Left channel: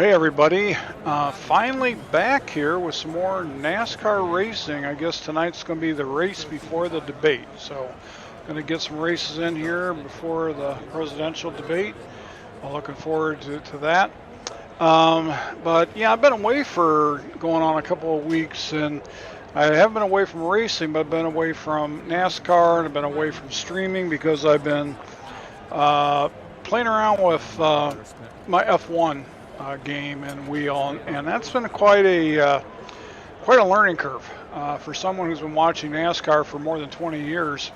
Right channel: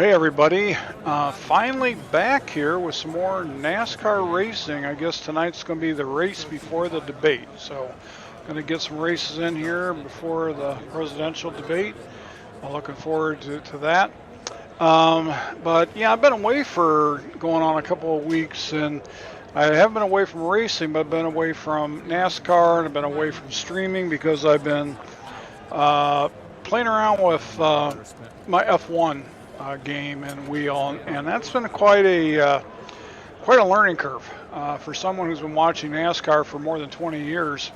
Hey everybody, finally back here with some more NASCAR racing. I guess tonight's going to be the race before the debate. So, going to get some races in here before the presidential debate. I'm looking forward to that. But yeah, I've been away for going on a couple of weeks, and I haven't been away from racing, but I've been away from NASCAR and I've been away from streaming because I've been playing around with my F1 game and wheel, and that's been quite a learning curve for someone who's been watching NASCAR for more than 20 years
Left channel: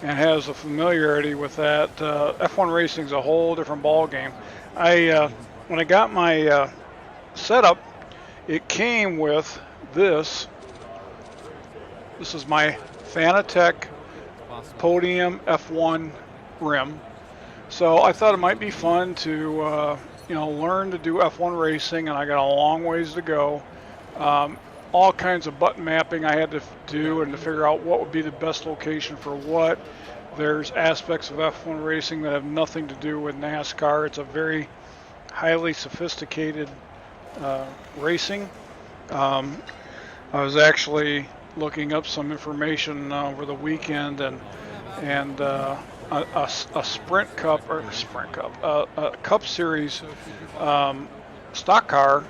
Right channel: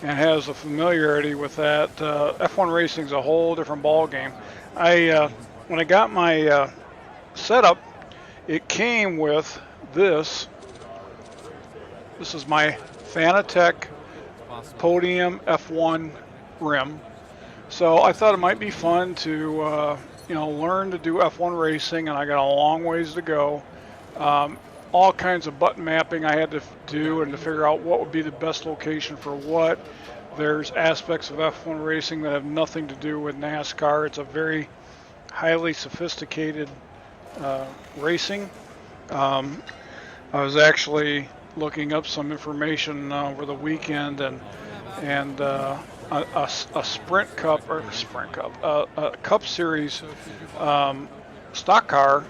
and has a familiarity with that. F1 racing is a whole different ball game. When I got my setup, it came with this. This is my Fanatec Podium F1 rim. So I thought it might be fun to learn to do F1 racing, and I got a long ways to go. All kinds of button mapping I had to do and to figure out what would be the best location for what. There's aspects of F1 racing that have nothing to do with NASCAR. It's a very highly sophisticated racing. I was actually looking up some information over the weekend, and a Sprint Cup a Cup Series stock car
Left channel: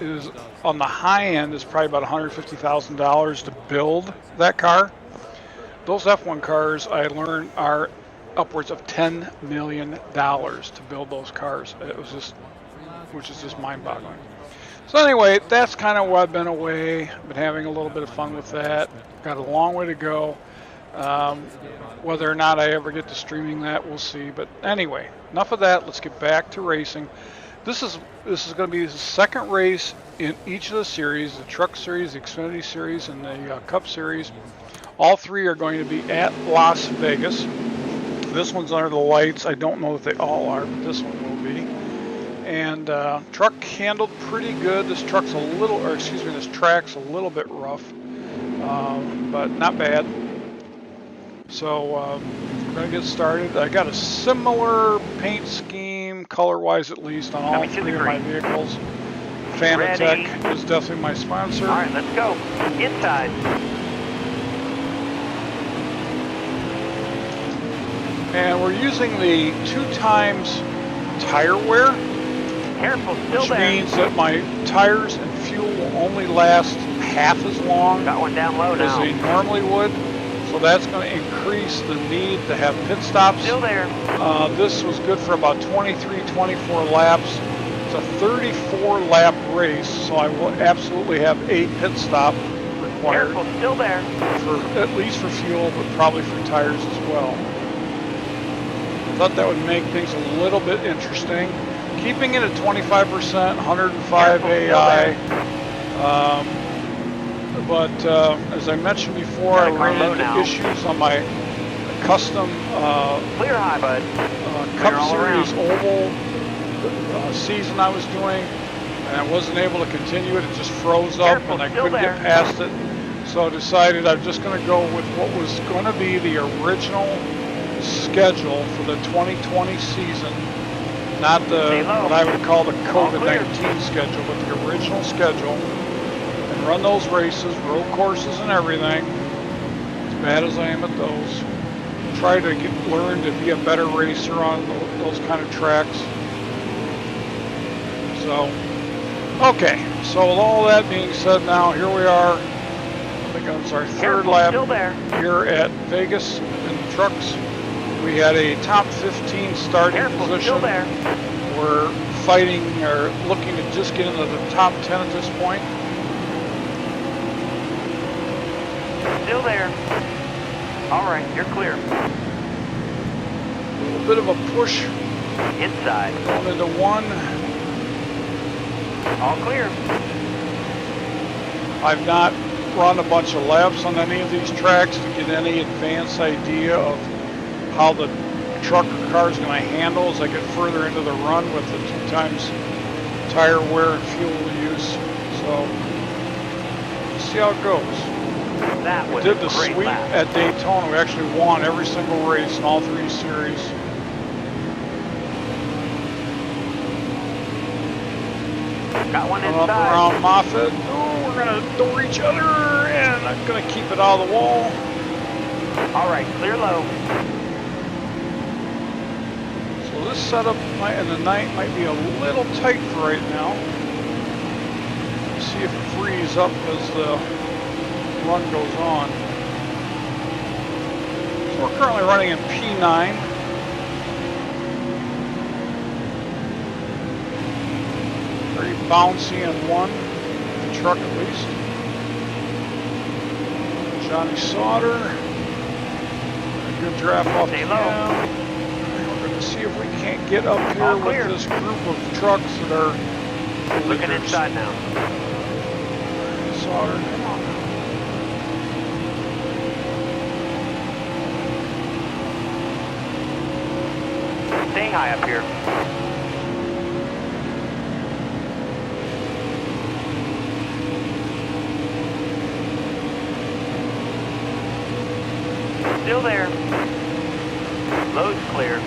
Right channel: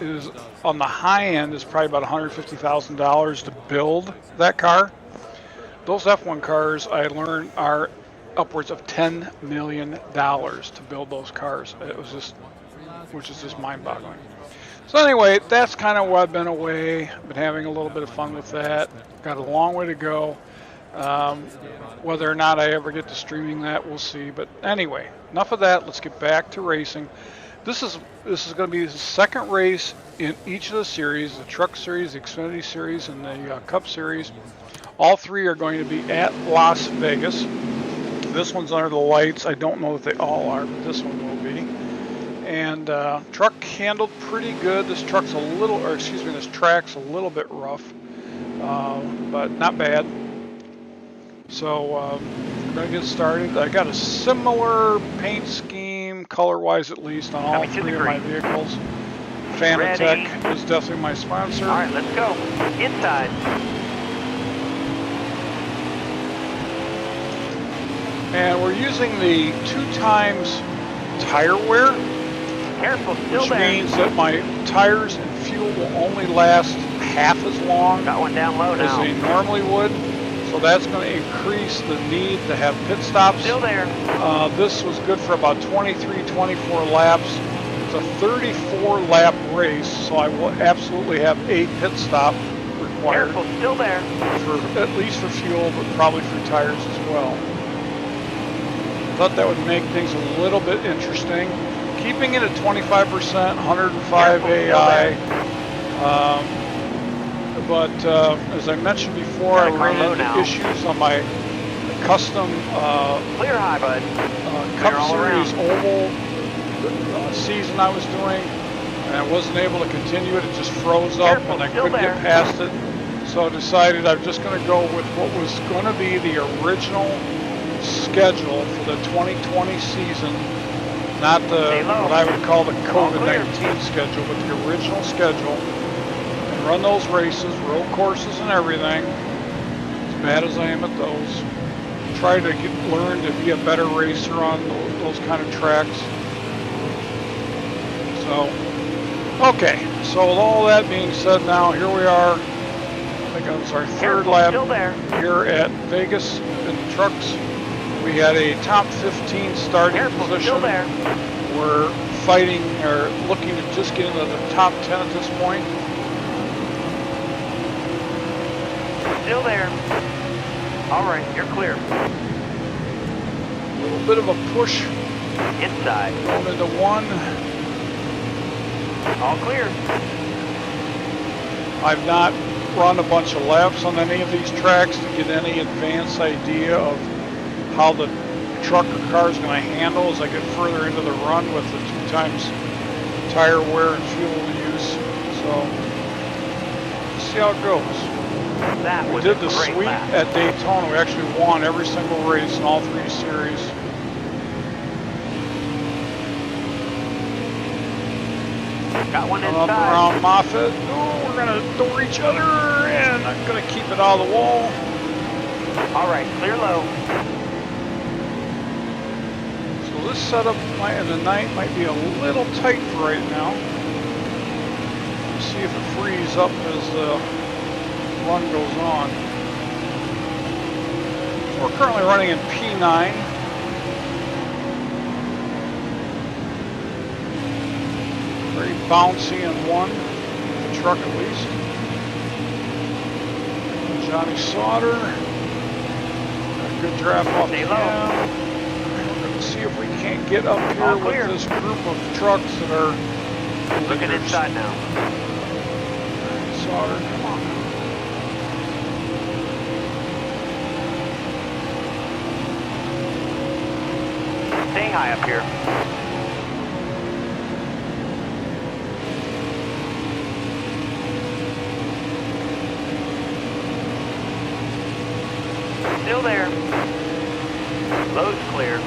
is on the high end is probably about $150,000 to build that car. Those F1 cars, I learned, are upwards of $10 million to build those cars. Which is just mind-boggling. So anyway, that's kind of why I've been away. Been having a little bit of fun with that. Got a long way to go. Whether or not I ever get to streaming that, we'll see. But anyway, enough of that. Let's get back to racing. This is going to be the second race in each of the series: the Truck Series, the Xfinity Series, and the Cup Series. All three are going to be at Las Vegas. This one's under the lights. I don't know that they all are, but this one will be. And truck handled pretty good. This track's a little bit rough, but not bad. So we're going to get started. I got a similar paint scheme, color-wise at least, on all three of my vehicles. Fanatec is definitely my sponsor. All right, let's go. Inside. And we're using the 2x tire wear. Careful, still which there. means that my tires and fuel will only last half as long Got one down low as they normally would. So that's going to increase the need to have pit stops. Still there. This was good for about 23, 24 laps. It's a 34 lap race, so I will absolutely have a pit stop required. Careful, still there. At least for fuel, but probably for tires as well. I thought that would make things a little bit interesting. Keeping it at 25%, 105 AI. But as I mentioned before, I ran into issues on my custom Clear high, bud. Cup Series oval season I was doing, and I wasn't able to continue it. It just froze up, and I couldn't get past it. So I decided I'm just going to go with what was going to be the original schedule for the 2020 season. Not what I would call the COVID-19 schedule, but the original schedule, and run those races, road courses and everything, as bad as I am at those. Try to learn to be a better racer on those kind of tracks. So, okay, so with all that being said, now here we are. I think it was our third lap here at Vegas in the trucks. We had a top 15 starting position. We're fighting or looking to just get into the top 10 at this point. Still there. All right, you're clear. A little bit of a push. Inside. Going into one. All clear. I've not run a bunch of laps on any of these tracks to get any advanced idea of how the truck or car is going to handle as I get further into the run with the 2x tire wear and fuel use. So let's see how it goes. We did the sweep at Daytona. We actually won every single race in all three series. Got one Up inside. around Moffett. Oh, we're gonna door each other, and I'm gonna keep it out of the wall. All right, clear low. So this setup in the night might be a little tight for right now. Let's see if it frees up as the run goes on. So we're currently running in P9. Very bouncy in one, with the truck at least. Johnny Sauter. Got a good draft off Stay him. low. And we're going to see if we can't get up here All with clear. this group of trucks that are the Looking leaders. inside now. Sauter, come on now. Stay high up here. Still there. Low's clear.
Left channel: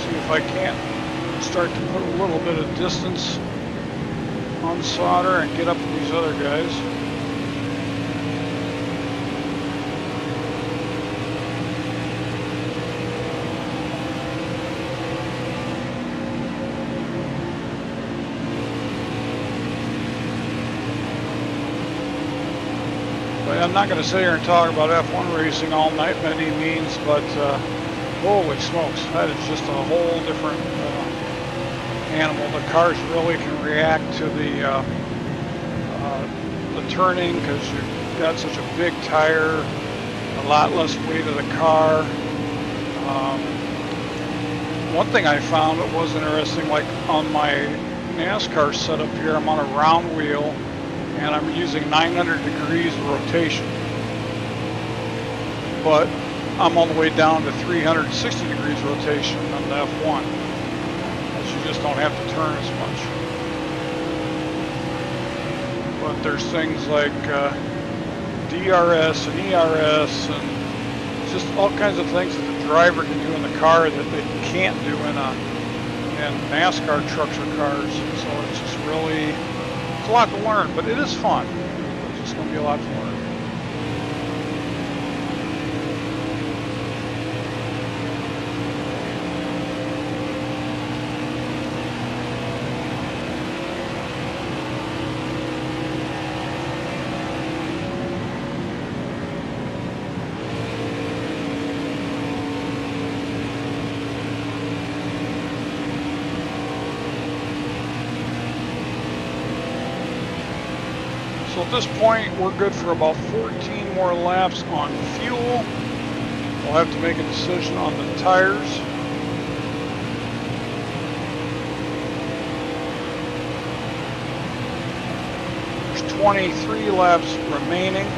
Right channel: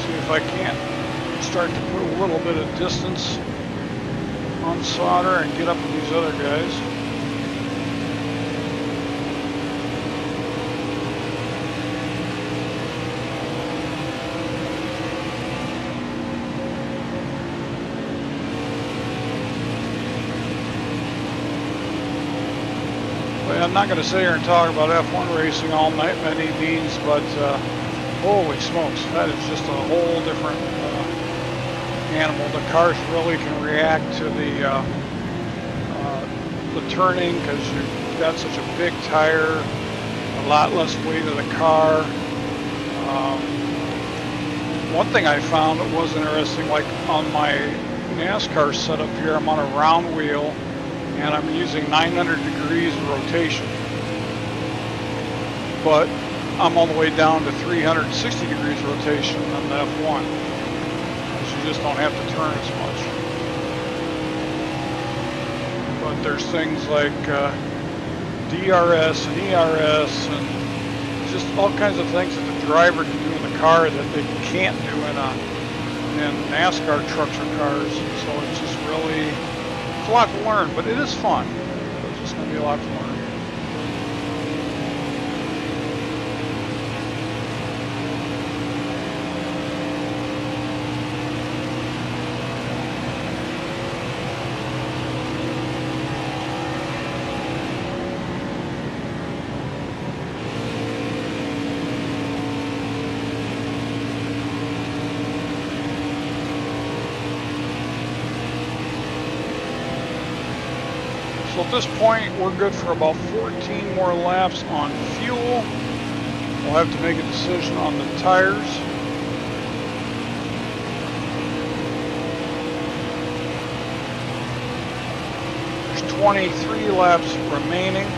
See if I can't start to put a little bit of distance on Sauter and get up with these other guys. Well, I'm not going to sit here and talk about F1 racing all night by any means, but holy smokes, that is just a whole different animal. The cars really can react to the turning because you've got such a big tire, a lot less weight of the car. One thing I found that was interesting, like on my NASCAR setup here, I'm on a round wheel and I'm using 900 degrees of rotation. But I'm all the way down to 360 degrees rotation on the F1, as you just don't have to turn as much. But there's things like DRS and ERS and just all kinds of things that the driver can do in the car that they can't do in NASCAR trucks or cars. So it's just really, it's a lot to learn, but it is fun. It's just going to be a lot to learn. So at this point, we're good for about 14 more laps on fuel. We'll have to make a decision on the tires. There's 23 laps remaining.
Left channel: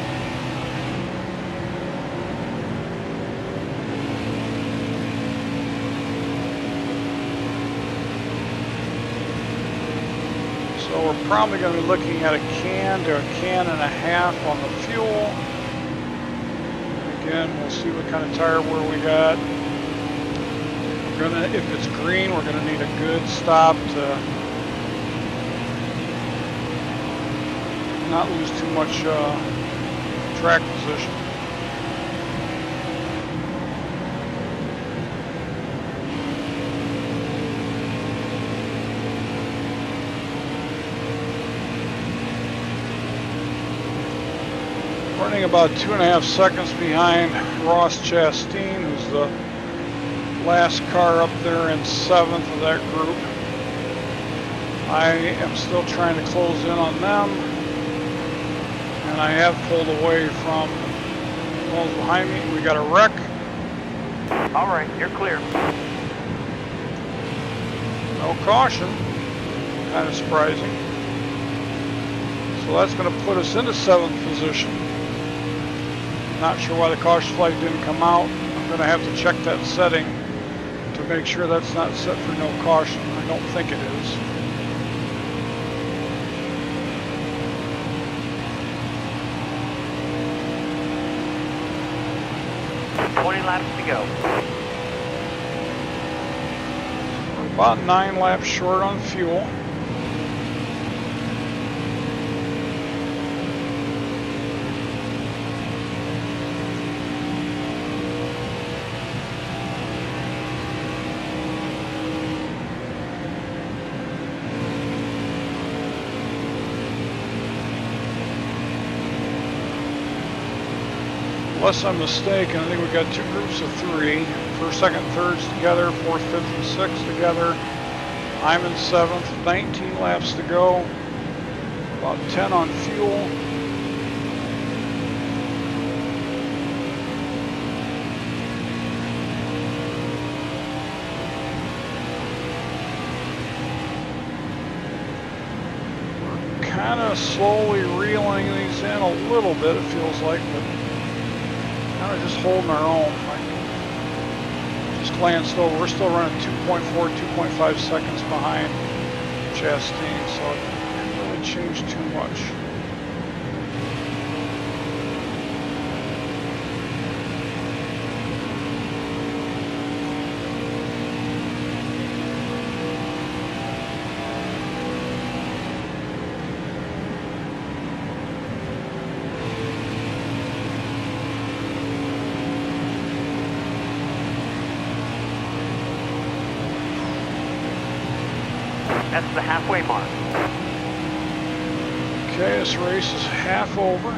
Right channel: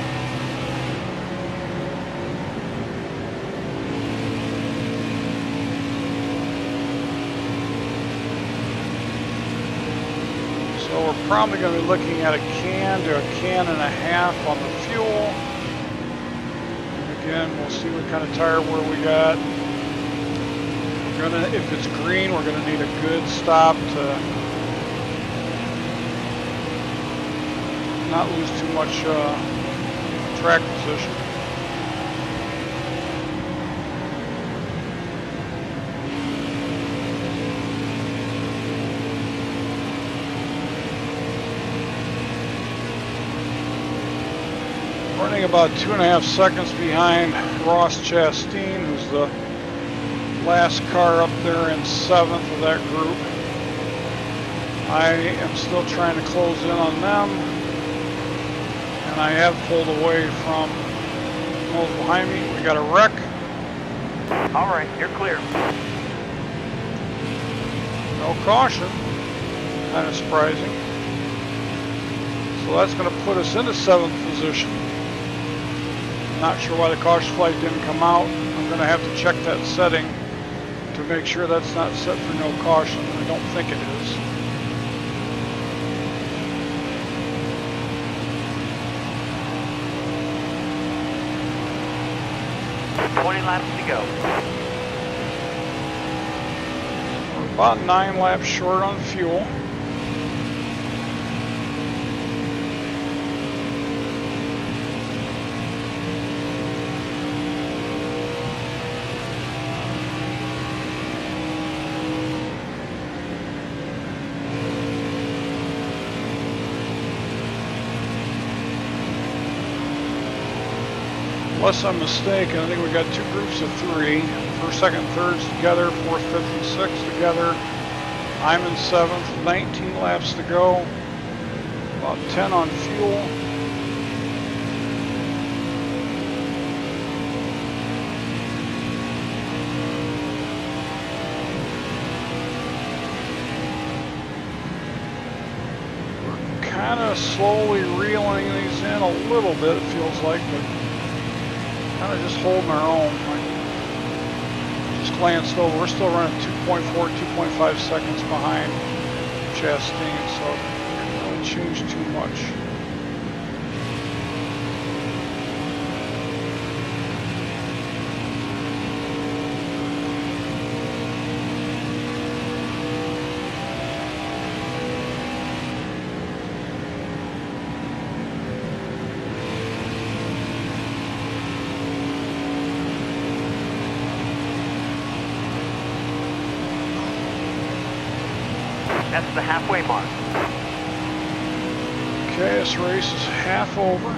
So we're probably going to be looking at a can to a can and a half on the fuel. And again, we'll see what kind of tire wear we got. We're gonna, if it's green, we're going to need a good stop to not lose too much track position. Running about 2.5 seconds behind Ross Chastain, who's the last car up there in 7th of that group. I am still trying to close in on them, and I have pulled away from those behind me. We got a wreck. All right, you're clear. No caution. Kind of surprising. So that's going to put us into 7th position. Not sure why the caution flag didn't come out. I'm going to have to check that setting to make sure that's not set for no caution. I don't think it is. Laps to go. We're about 9 laps short on fuel. Unless I'm mistaken, I think we got 2 groups of 3. First, second, thirds together, fourth, fifth, and sixth together. I'm in 7th, 19 laps to go. About 10 on fuel. We're kind of slowly reeling these in a little bit, it feels like, but kind of just holding our own. I just glanced over. We're still running 2.4, 2.5 seconds behind Chastain, so it didn't really change too much. That's the halfway mark. Okay, this race is half over.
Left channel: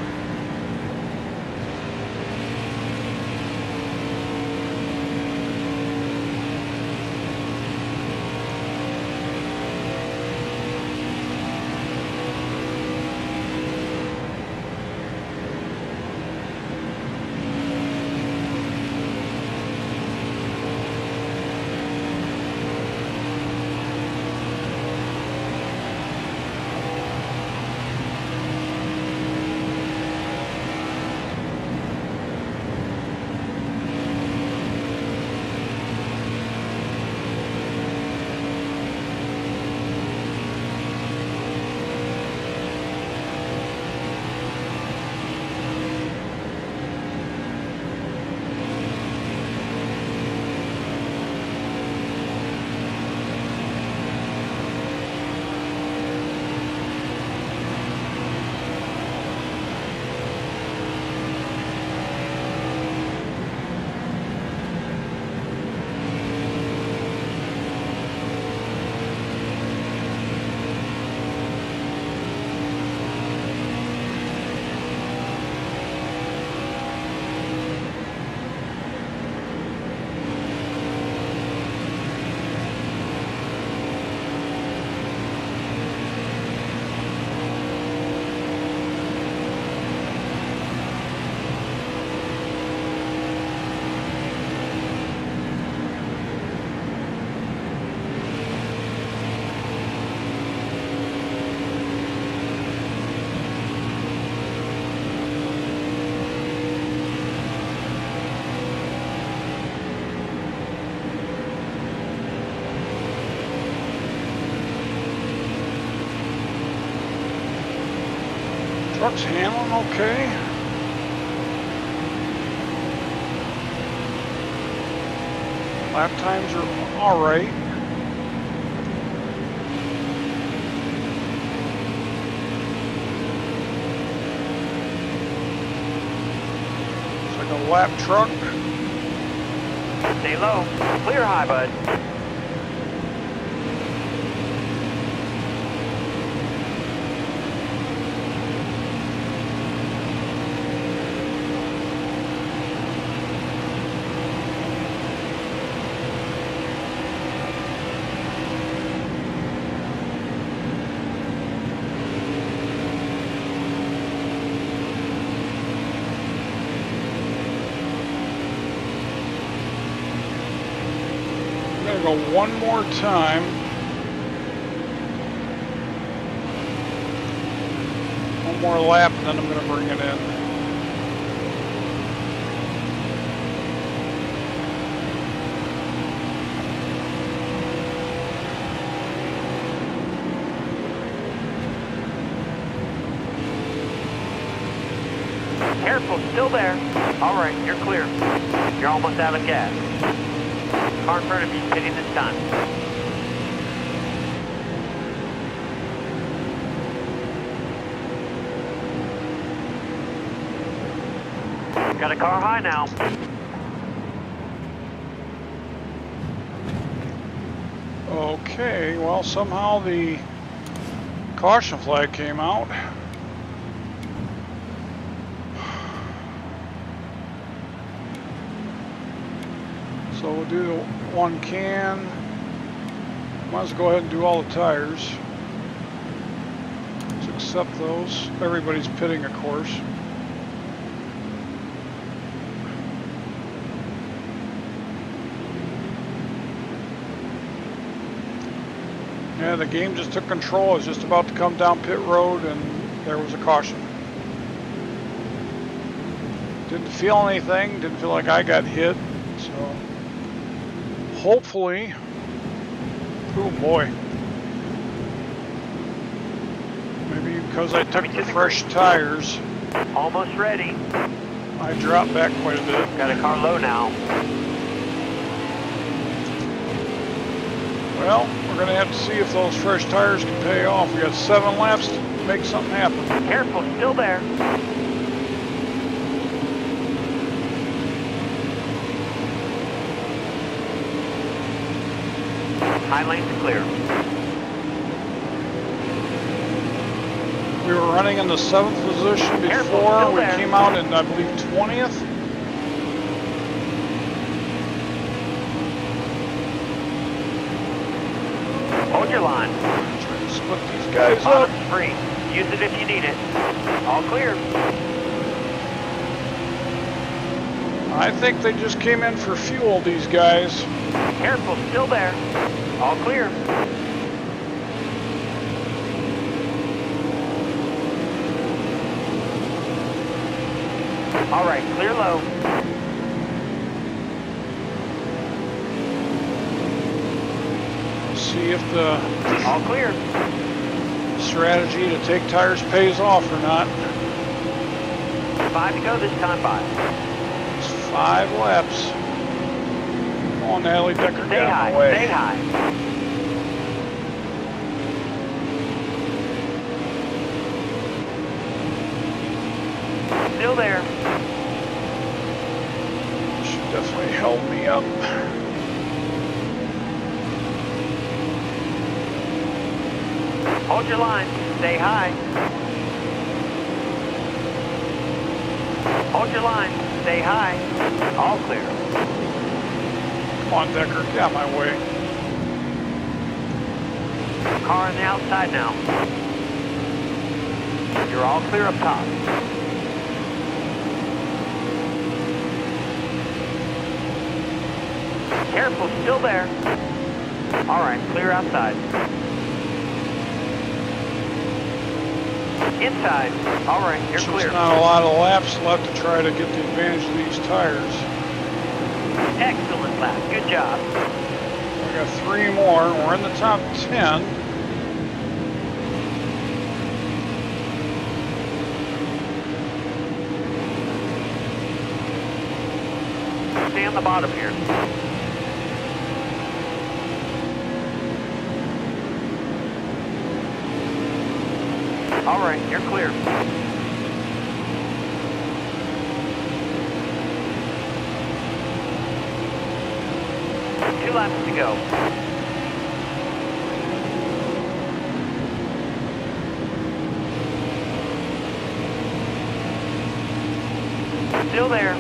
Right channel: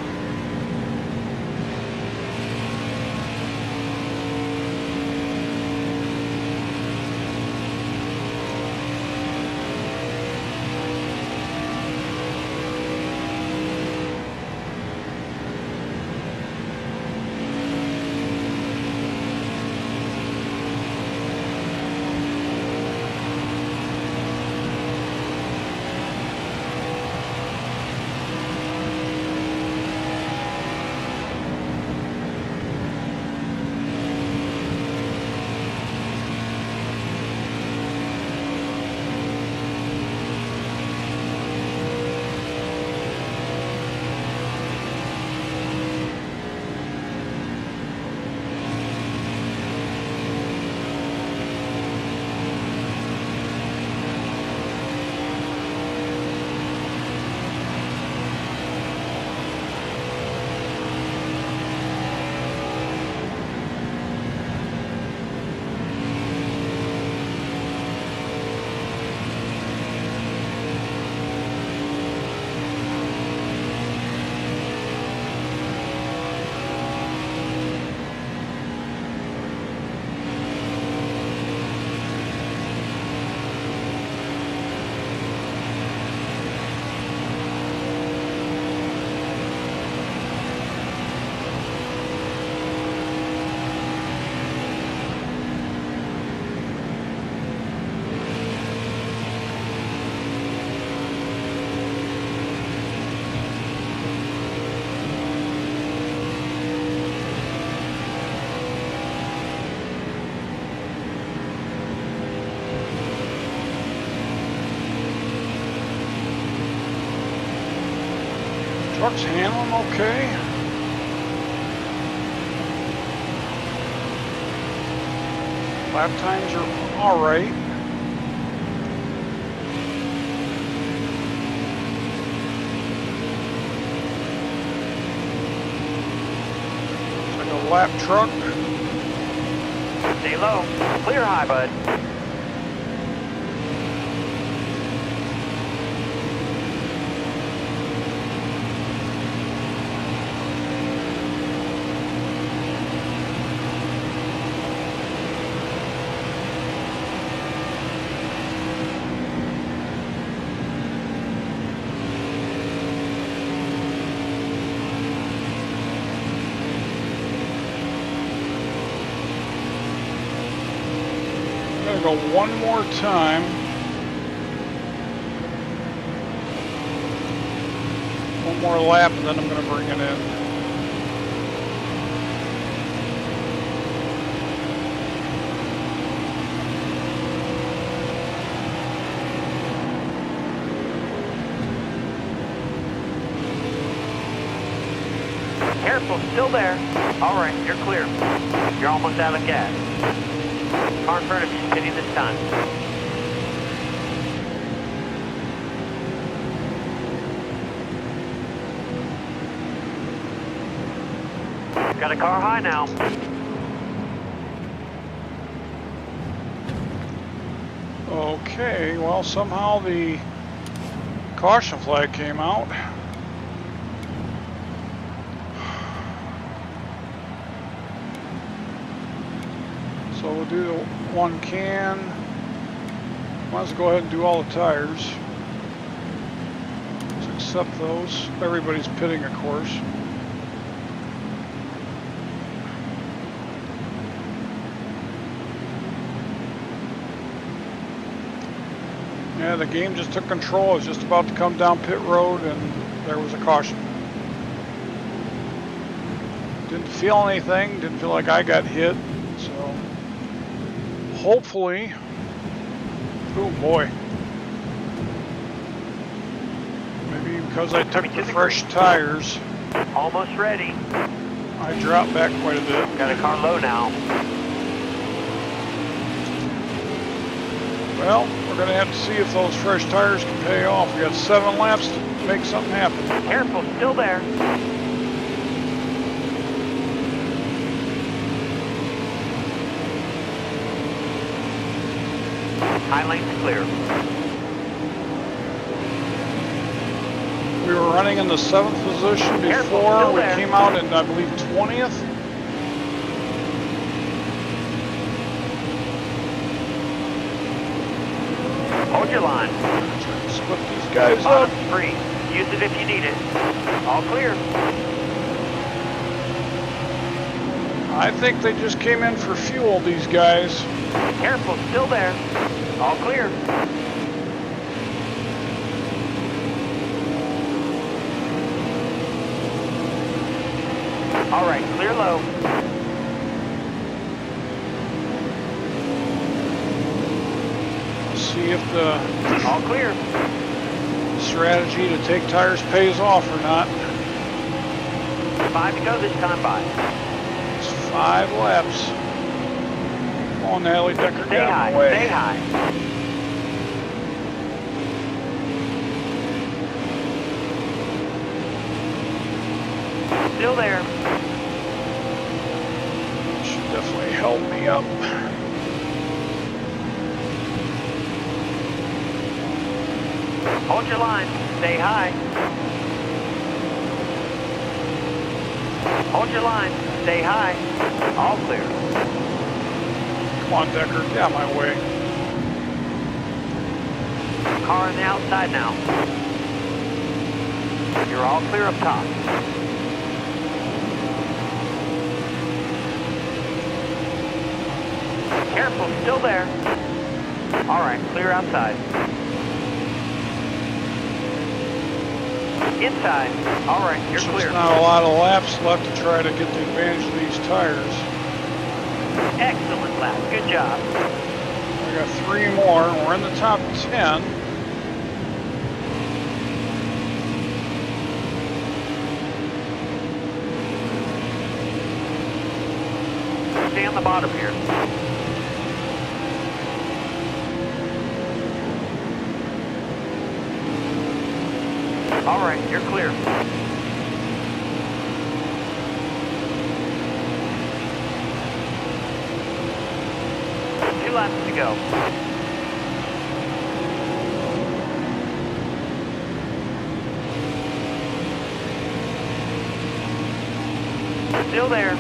Truck's handling okay. Lap times are all right. It's like a lap truck. Stay low. Clear high, bud. I'm gonna go one more time. One more lap and then I'm gonna bring it in. Careful, still there. All right, you're clear. You're almost out of gas. Car in front of you's pitting this time. Got a car high now. Okay, well, somehow the caution flag came out. So we'll do the one can. Might as well go ahead and do all the tires. Let's accept those. Everybody's pitting, of course. Yeah, the game just took control. I was just about to come down pit road and there was a caution. Didn't feel anything, didn't feel like I got hit, so hopefully, oh boy. Maybe because I took the fresh tires. Almost ready. I dropped back quite a bit. Got a car low now. Well, we're going to have to see if those fresh tires can pay off. We got 7 laps to make something happen. Careful, still there. High lane's clear. We were running in the 7th position before. We came out in, I believe, 20th. Hold your line. Try to split these guys up. Bottom's free. Use it if you need it. All clear. I think they just came in for fuel, these guys. Careful, still there. All clear. All right, clear low. See if the All clear. strategy to take tires pays off or not. 5 to go this time by. It's 5 laps. Come on, Natalie Decker, Stay get out high, of the way. stay high. Still there. She definitely held me up. Hold your line. Stay high. Hold your line. Stay high. All clear. Come on, Decker, get out of my way. Car on the outside now. You're all clear up top. Careful, still there. All right, clear outside. Inside. All right, you're There's clear. not a lot of laps left to try to get the advantage of these tires. Excellent lap. Good job. We got 3 more. We're in the top 10. Stay on the bottom here. All right, you're clear. Two laps to go. Still there.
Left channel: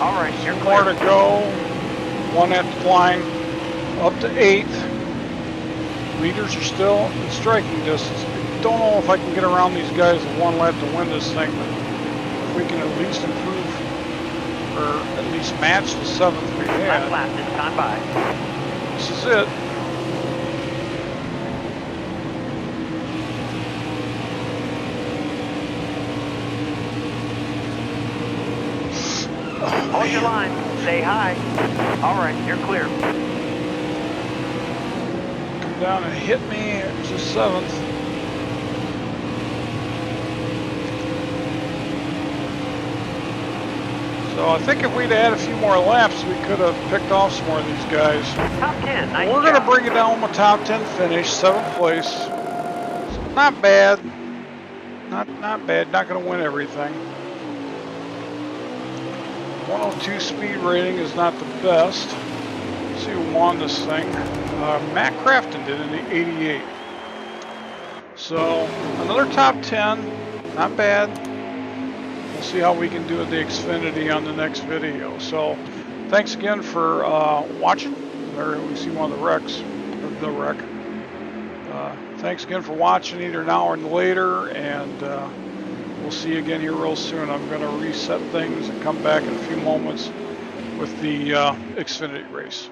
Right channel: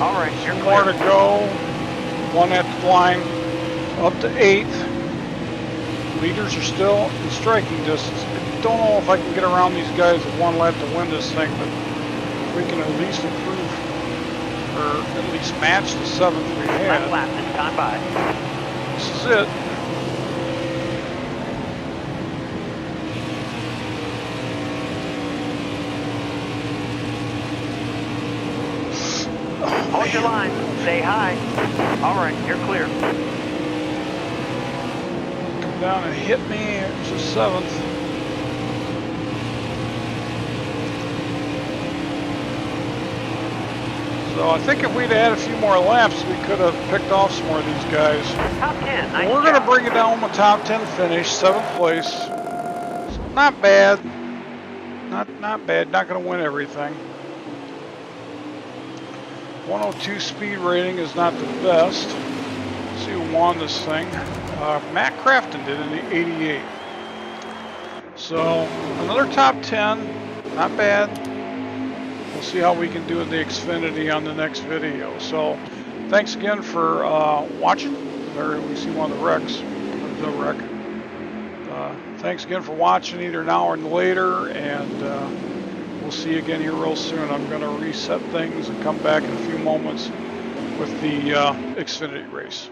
All right, you're Two clear. more to go. 1 at the line. Up to 8th. Leaders are still in striking distance. I don't know if I can get around these guys with 1 lap to win this thing, but if we can at least improve or at least match the 7th we had, Last lap this time by. this is it. Hold your line. Stay high. All right, you're clear. Come down and hit me. It's the 7th. So I think if we'd had a few more laps, we could have picked off some more of these guys. Top 10, nice We're going to job. bring it down with a top 10 finish, 7th place. So not bad. Not bad. Not going to win everything. 102 speed rating is not the best. Let's see who won this thing. Matt Crafton did in the 88. So another top 10. Not bad. We'll see how we can do with the Xfinity on the next video. So thanks again for watching. There we see one of the wrecks, of the wreck. Thanks again for watching either now or later, and we'll see you again here real soon. I'm going to reset things and come back in a few moments with the Xfinity race.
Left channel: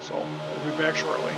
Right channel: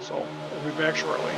So we'll be back shortly.